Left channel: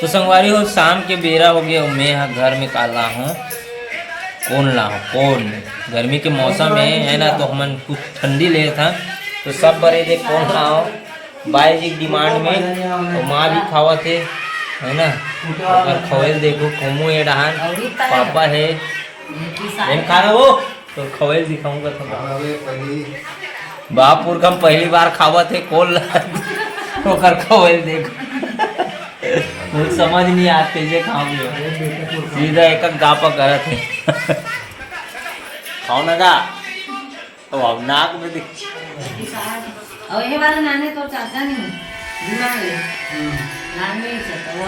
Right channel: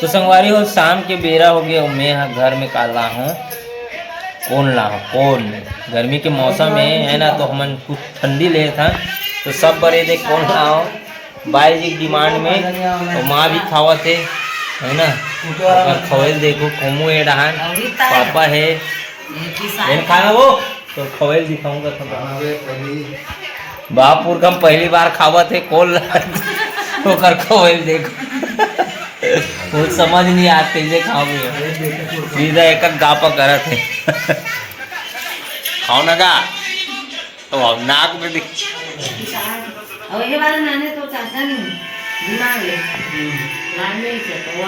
तो संगवारी हो शाम के बेरा हो गया, मैं घर में काला हूँ कौन ला हूँ कौन गर्मी के मौसम है ना, तो हमन कुछ ठंडी ले था तो सब बड़े दे कौन लाओ बाई जी डिमांड में, तो माँ भी खावा थे है ना। अगर खवेल देखो खोमू है डहान पापा है खाना वो तो खवेल दिखाऊंगा बापुर हम पहली बार खावा थे कोल ओकर खवेल देखो कुछ समझ नहीं आता कैसे खाओगे, सीधा एक गापा करत है खाओ ना का तो अब नाक में दिख और ये वाला नाने तो चाहता नहीं दिमाग ले लाने ही चाहता वो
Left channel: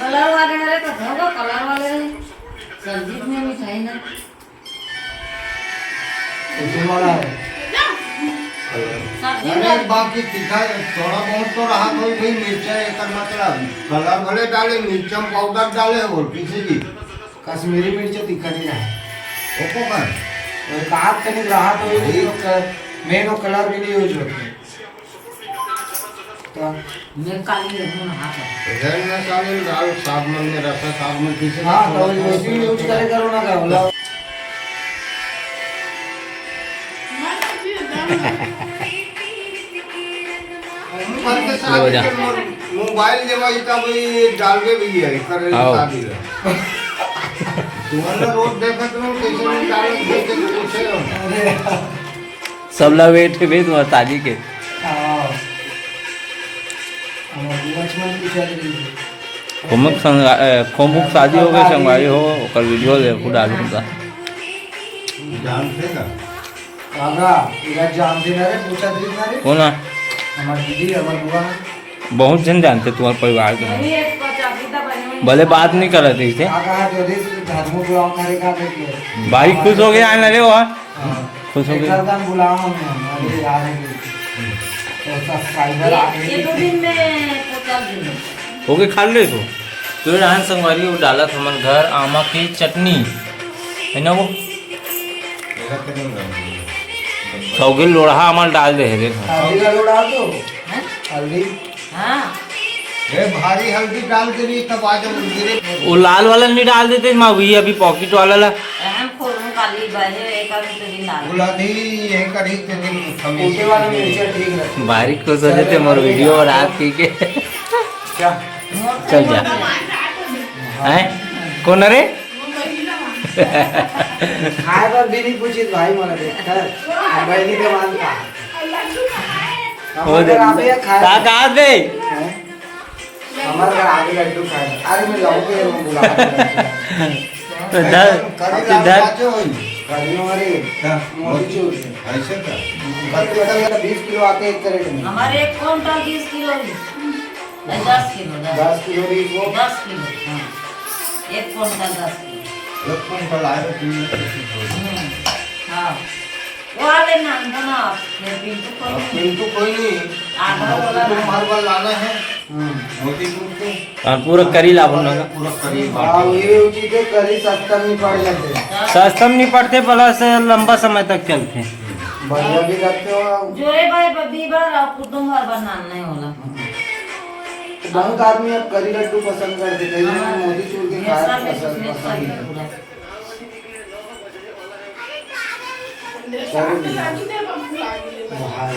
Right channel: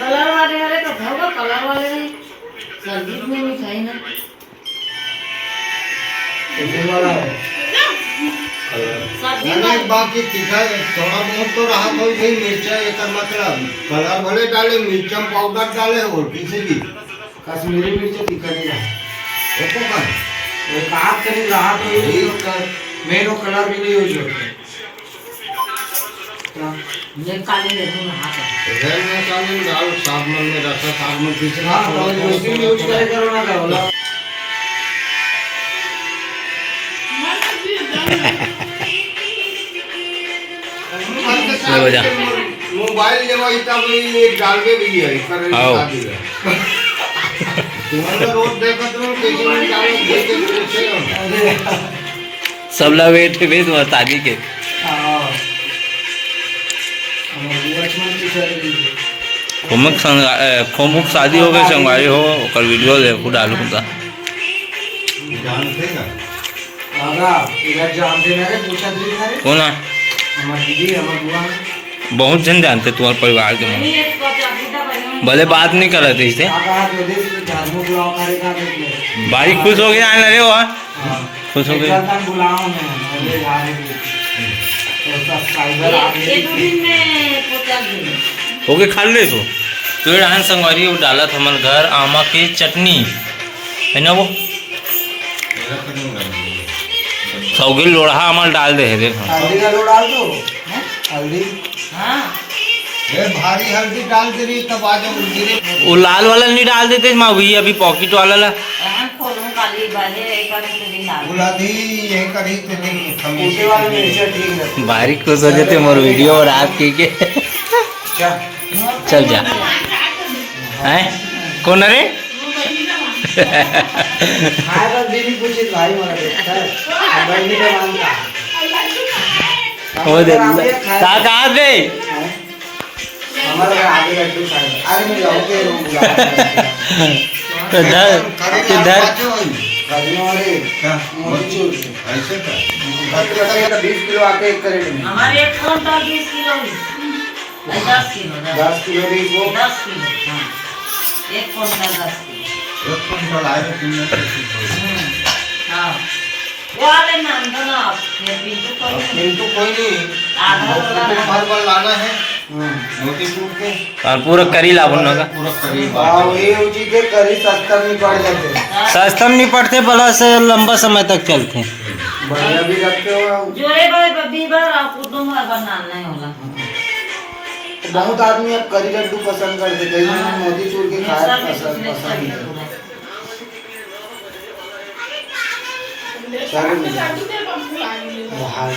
कलर वाले तो होगा कलर वाले नहीं सर्दी में मिठाई ना बाकी तीखा थोड़ा बहुत तो रहा कोई नहीं मिर्चा एक मतलब कलर भले डाले मिर्चा पाउडर डाले और किसी भी कश्मीरी मिर्च तीखा नहीं रहा ओको का एक आग करीब रहा तो ये मेन वो कलर भी नहीं यूज होते तो ये काली ले दूँ हाथ रेल में काले डाल साबुन में रसा साबुन किसी हाँ तो उसकी यूज करे करो ना करो मोबाइल लेवा तब एक डाल के भी है करे शादी तुम्हारा रोज देखत रहो कैसे में डालो देख के पूछे रहो सब लोग बैठे भी तुम्हारे शादी के हाँ हमारे लक्ष्मण की शादी खोमुक शादी हो गई संगवारी हो कल वीडियो देखो डालूंगा जानते ना आगा इधर जानते ना रे पूछा दी ना रे कौन है हमारी दीदी हमारी बुआ बहुत जन जानते तुम्हारे परिवार के नहीं लोग, एक पचास भले बात नहीं कर रहे थे इससे आगा जो दी झाड़ू बुलाओ करेगा देखिए भाई खुश हो गया आने लगे वो खुश हो गए एकदम बुलाओ मैं अरे यार तो सब्सक्राइबर आ गए एक दिन में 50 दिन हो गए खा ले तो डांस संगवारी वो डाला था हमारे घर आमा की चटनी है ना वो सौगे लोढ़ा अमल डाल दे देख हल्दी का लो डाल दो हल्दी हाँ ये भारी हल्दी डाल के नहीं तब आ जाओ वो लाल वाला नहीं डाल देते माँ वही अभी पॉकेट वाला ला हम खोलूं काली बाजे एक आध दिन डाल बुलाती यही करी के दिन ऊँचे वाले मिर्चा ठीक है बारीक खुश हो जाते मोर वीडियो और आप की के क्या चल जा हैं कौन रे खाए तो दीदी पूछी भाई मला देखता है बहनी के मानता हो दे कहाँ गए हमारे घर आगे लड्डू खाए अरे मैं जाऊँगे बुला इधर गर्मियों वाले ऐसे का 20 किलो आते एक करेट में हमारे एक क्विंटल 20 किलो 10 किलो 10 किलो भी वो 10 किलो हाँ एक क्विंटल 10 किलो एक कुंटल आए तीन हाँ वो वाले नाम था ना ये पिंटू कोई नहीं किंतु कोई नहीं आधा वाला तो नाम। मार्बल लाना है मोतीपुर के और पूरा करी ला बोलना का पूरा करीब हाँ वही उची के करी सस्ता नहीं पड़ जाते सस्ता नहीं पड़ते प्लस लंबा समय तक चलते बढ़िया भी रखते हो जोरे पर बीबर और कुटुंब भर बनाना नहीं होला बहुत आदमी अब करी लड्डू पसंद करते कई लोग मोतीचूर के खाए पसंद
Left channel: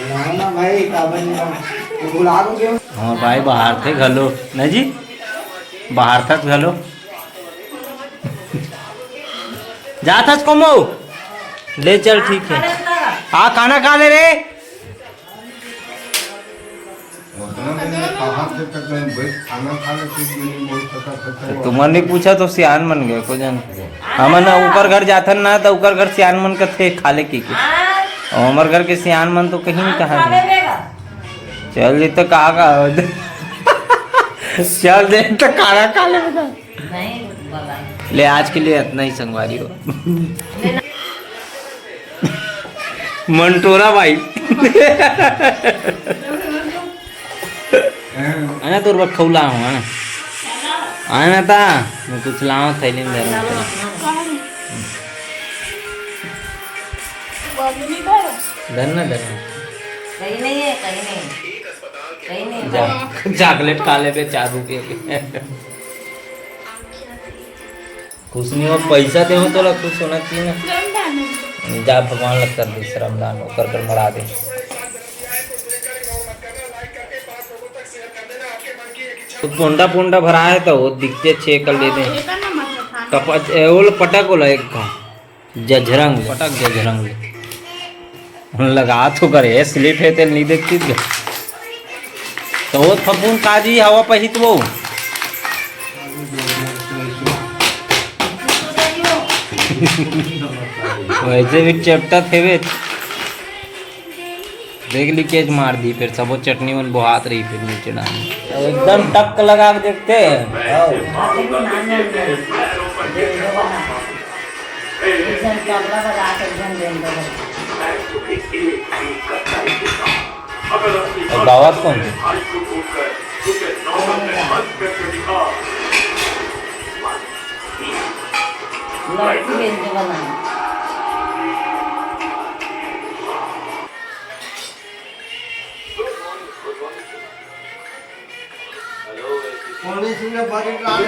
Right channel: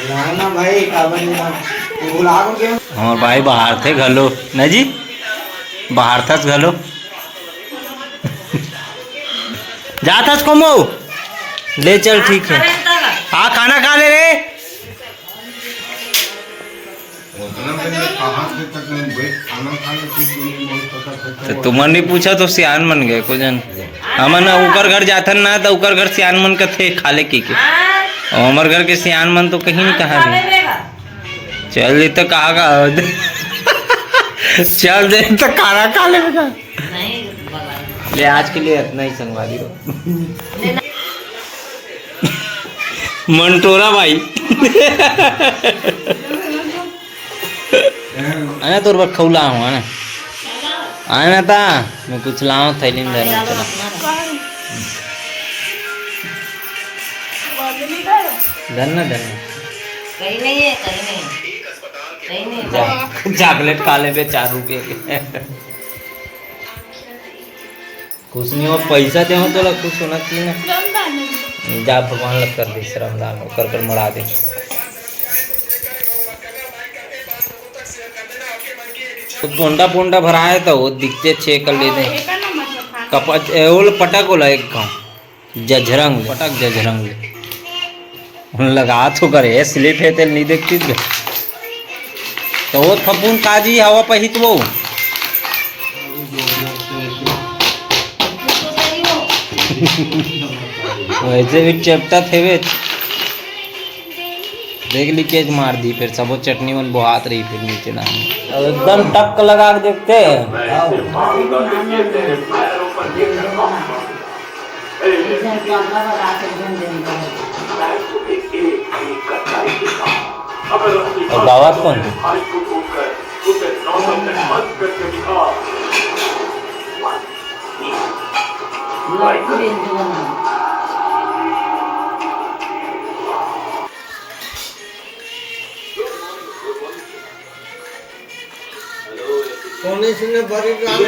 है ना भाई काबन गुलाब के हाँ भाई बाहर थे घलो न जी बाहर था घलो जा था कमो ले चल ठीक है हाँ खाना खा ले रे खाना खाने तो तुमने नहीं पूछा तो सियान मन गए को जन हमन ऊपर घर जाथन ना तो ऊपर घर सियान मन का थे खाले की के और हमारे घर के सियान मन तो कहीं नहीं कहा भी चल दे तो कहा का चल दे तो खाना खा ले ले आज के लिए इतना ही संगवारी हो मंटोरा भाई आना तो रख खौला हूँ आना आना था मैं कुछ लाऊं थैली में धरा चला धरना धरना कहीं नहीं है कहीं नहीं सही नहीं चॉकलेट खा ले बे 4 रुपये के। खुश नहीं हो, पैसा दे हो तो खुश होना चाहिए ना। जा भगवान लग कर दे, श्रमदान हो कर मरा दे। तो पोंडा पोंडा भरा है तो वो दिखते छे कर ले दे। कपच ओल पटक ओला एक गाँव जझरंग पटक जझरंग ले लगा तो करे स्लिप है तेल नहीं देखती तो वो फपून काजी हवा पहित वो वैसे भी चेपटा थे वे देख लीकेज मार दी, फिर सब वो चटनी मन बुहात रही, फिर नीचे डाली एकदम टक लगा के देखते और गावात कौन थे? लौकी बेंच बना कोने से ने बड़ी रात